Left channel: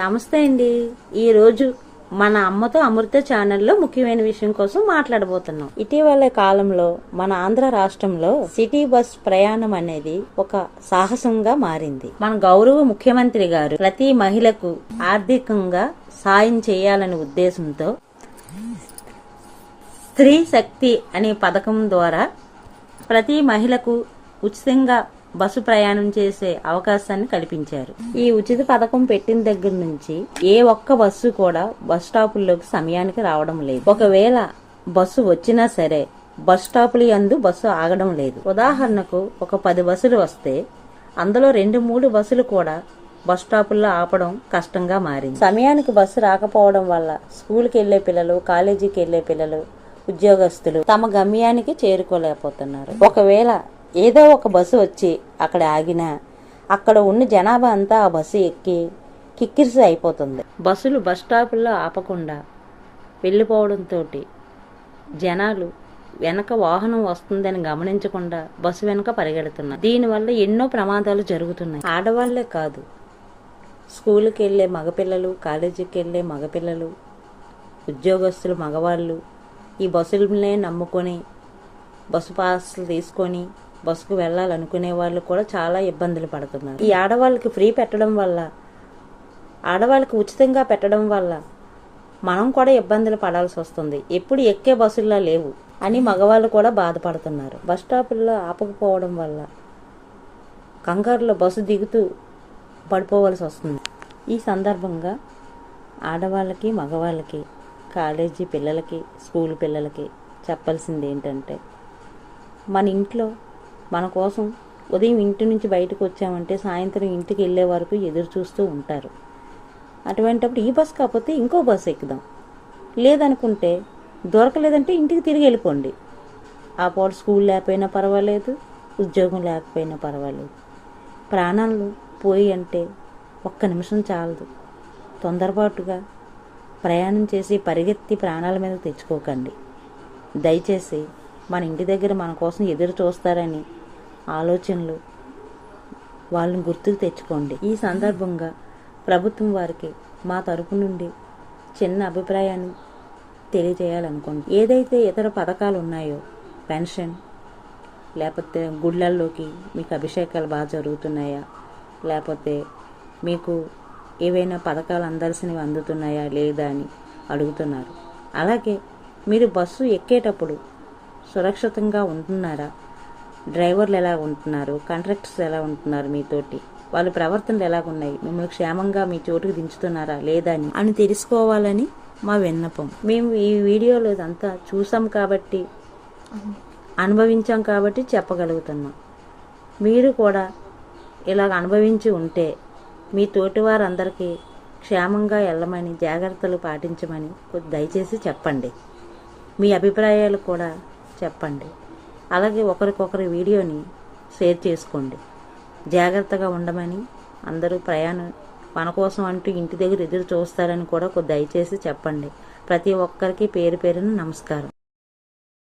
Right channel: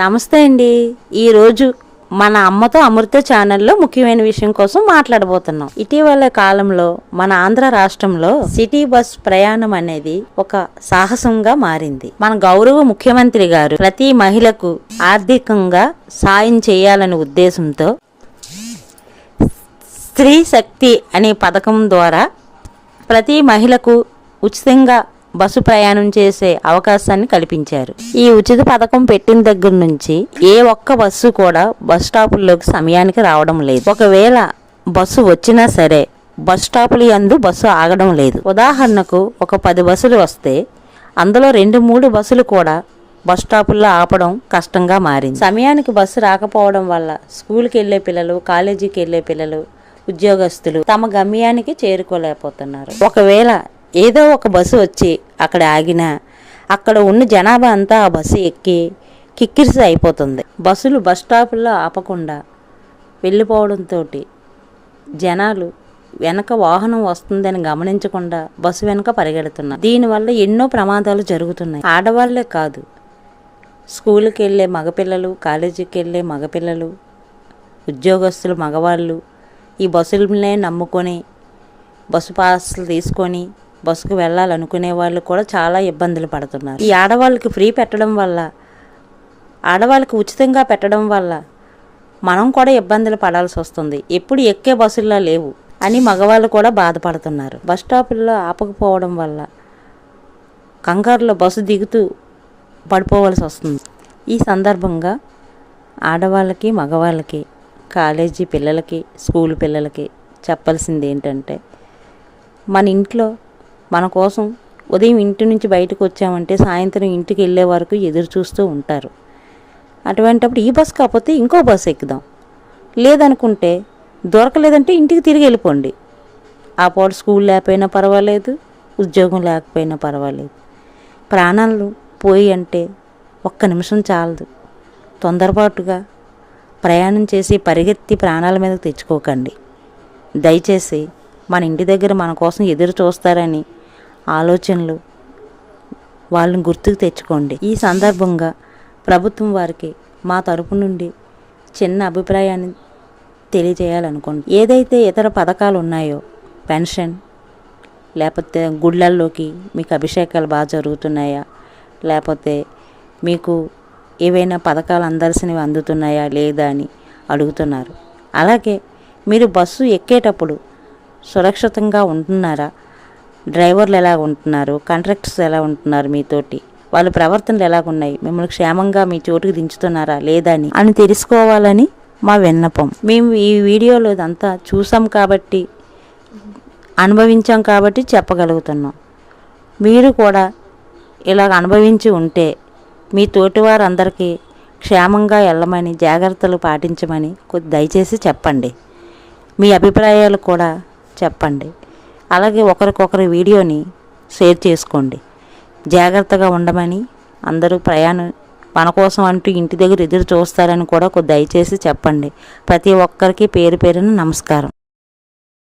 నమస్తే అండి. ఈరోజు మన అమ్మతో అమృత ఛానల్లో ముఖ్యమైన విషయం కోసం మాట్లాడబోతున్నాం. ఇటీవల కాలంలో మన ఆంధ్ర రాష్ట్రంలో సిటీ బస్ ప్రయాణం అనేది ఒక సాహసంగా మారింది. మన గౌరవ ముఖ్యమంత్రి గారు ప్రతి మహిళకు ఆర్థికంగా సాయం చేయాలనే ఉద్దేశంతో స్త్రీ శక్తి అనే పథకం ద్వారా ప్రతి మహిళకు ఉచితంగా బస్సు ప్రయాణం చేసే అవకాశాన్ని కల్పించారు. ఈ ఉచిత పథకం పెట్టిన దగ్గర నుంచి ఏ ఒక్క బస్సు కూడా బస్ స్టాపుల్లోకి సమయానికి రావడం లేదు. ఒకవేళ బస్సు వచ్చినా సరే బస్ స్టాపుల యందు బస్సు ఆగడం లేదు. ఉదాహరణకు ఒక 10 బస్సులు వస్తే అందులో 2-3 బస్సులు కూడా బస్ స్టాపుల్లో ఆపడం కష్టంగా మారింది. సమయానికి బస్సు రాకపోవడం వల్ల స్కూల్కి వెళ్లే పిల్లలు, కాలేజీకి వెళ్లే పిల్లలు, ఉద్యోగస్తులు తమ గమ్యానికి చేరుకోలేకపోతున్నారు. ఒకవేళ ఏదో ఒక బస్సు వచ్చి అక్కడ ఆగినా అక్కడ ఉన్న జనాభా అంతా ఆ బస్సు ఎక్కి కిక్కిరిసి అయిపోతుంది. బస్సులు బస్ స్టాపుల్లో ఆపకుండా వెళ్ళిపోవడంతో జనాలు వెనక వాహనం వస్తుందని గమనించకుండా బస్సు వెనక పరిగెడుతున్నారు. దీనివల్ల ఎన్నో ప్రమాదాలు జరుగుతున్నాయి. ఆడవాళ్లే కాదు, స్కూల్కి వెళ్ళే మగపిల్లలు, కాలేజీకి వెళ్ళే మగపిల్లలు, ఉద్యోగస్తులు మగవాళ్ళు ఈ బస్సులనే నమ్ముకొని బస్సు పాస్లు తీసుకొని బస్సుకు వెళ్ళాలనుకునే వాళ్ళు కూడా చాలా ఇబ్బందులు పడుతున్నారు. ఈ ఆడవాళ్ళకి ఫ్రీ పెట్టడం వల్ల, ఆడవాళ్ళకి ఉచితంగా పెట్టడం వల్ల మనం కూడా ఇబ్బందులు పడాల్సి వస్తుంది. ఎప్పుడు ఎక్కే బస్సుల్లో లేవు అని మగవాళ్ళు కూడా బాధపడుతున్నారు. బస్ స్టాపుల్లో ఆపకపోవడం వల్ల కంగారులో బస్సు దిగుతూ పడిపోవాల్సి వస్తుంది. ఈ సందర్భంగా ఆడవాళ్ళకి, మగవాళ్ళకి, కాలేజీ పిల్లలకి, స్కూల్ పిల్లలకి చెప్పాల్సింది ఏంటంటే, మన ఇంట్లో మన కోసం ఉదయం ఇంటి నుంచి బయటకు వచ్చామంటే సాయంత్రం ఇంటికి వెళ్ళే వరకు ఎదురు చూస్తూ ఉంటారు. అటువంటప్పుడు ఈ బస్సు కాకపోతే ఇంకో బస్సు ఎక్కుదాం, లేదనుకుంటే దొరకలేదంటే ఇంటికి తిరిగి వెళ్ళిపోండి. ఆ పూట స్కూల్ లేకపోయినా పర్వాలేదు, ఉద్యోగం లేకపోయినా పర్వాలేదు. ప్రాణాలు పోయి అంటే ఒక్క నిమిషం చాలదు. తొందరపాటుగా ప్రయాణం చేసి పరిగెత్తి ప్రాణాల మీదకి తెచ్చుకోకండి. దయచేసి మన ఇంటి దగ్గర మన కోసం ఎదురు చూస్తారని ఆలోచనలు వాళ్ళని గుర్తుకు తెచ్చుకోండి. ఈ సందర్భంగా ప్రభుత్వం వారికి మా తరపు నుండి చిన్న అభిప్రాయాన్ని తెలియజేయాలనుకోండి. ఏదైతే ఇతర పథకాలు ఉన్నాయో, పెన్షన్, లేకపోతే గుళ్ళల్లోకి మీకు అభిషేకాలు బాగా జరుగుతున్నాయా, లేకపోతే మీకు ఏవైనా పథకాలు అందాల్సినవి అందుతున్నాయా లేదా అని అడుగుతున్నారు. అలాగే మీరు బస్సు ఎక్కేటప్పుడు సురక్షితంగా ఉంటున్నారా, డ్రైవర్లు ఎలా ఉంటున్నారు, కండక్టర్స్ ఎలా ఉంటున్నారు, మీతోటి వాళ్ళ ప్రవర్తనలు ఎలాగున్నాయి, మిమ్మల్ని క్షేమంగా మీ చోటుకి దించుతున్నారా లేదా అని తెలుసుకోవాలని మా విన్నపం. మేము ఈ వీడియోలో ఇదంతా చూసాం కాబట్టి, అనుభవించాం కాబట్టి చెప్పగలుగుతున్నాం. మీరు కూడా ఇలాగ అనుభవించి ఉంటే మీ తోటి వారందరికీ క్షేమంగా వెళ్ళమని, జాగ్రత్తలు పాటించమని దయచేసి చెప్పండి. మీ అభిప్రాయాలు కూడా చెప్పండి. అలాగే ఒకరికొకరి వీడియోని షేర్ చేసుకోండి. జాగ్రత్తగా ఉండమని, అందరూ ప్రయాణం మన కోసం అంటూ ఇంటి దగ్గర ఎదురు చూస్తారని కూడా దయచేసి చెప్పండి. ప్రతి ఒక్కరికి పేరు పేరున నమస్కారం.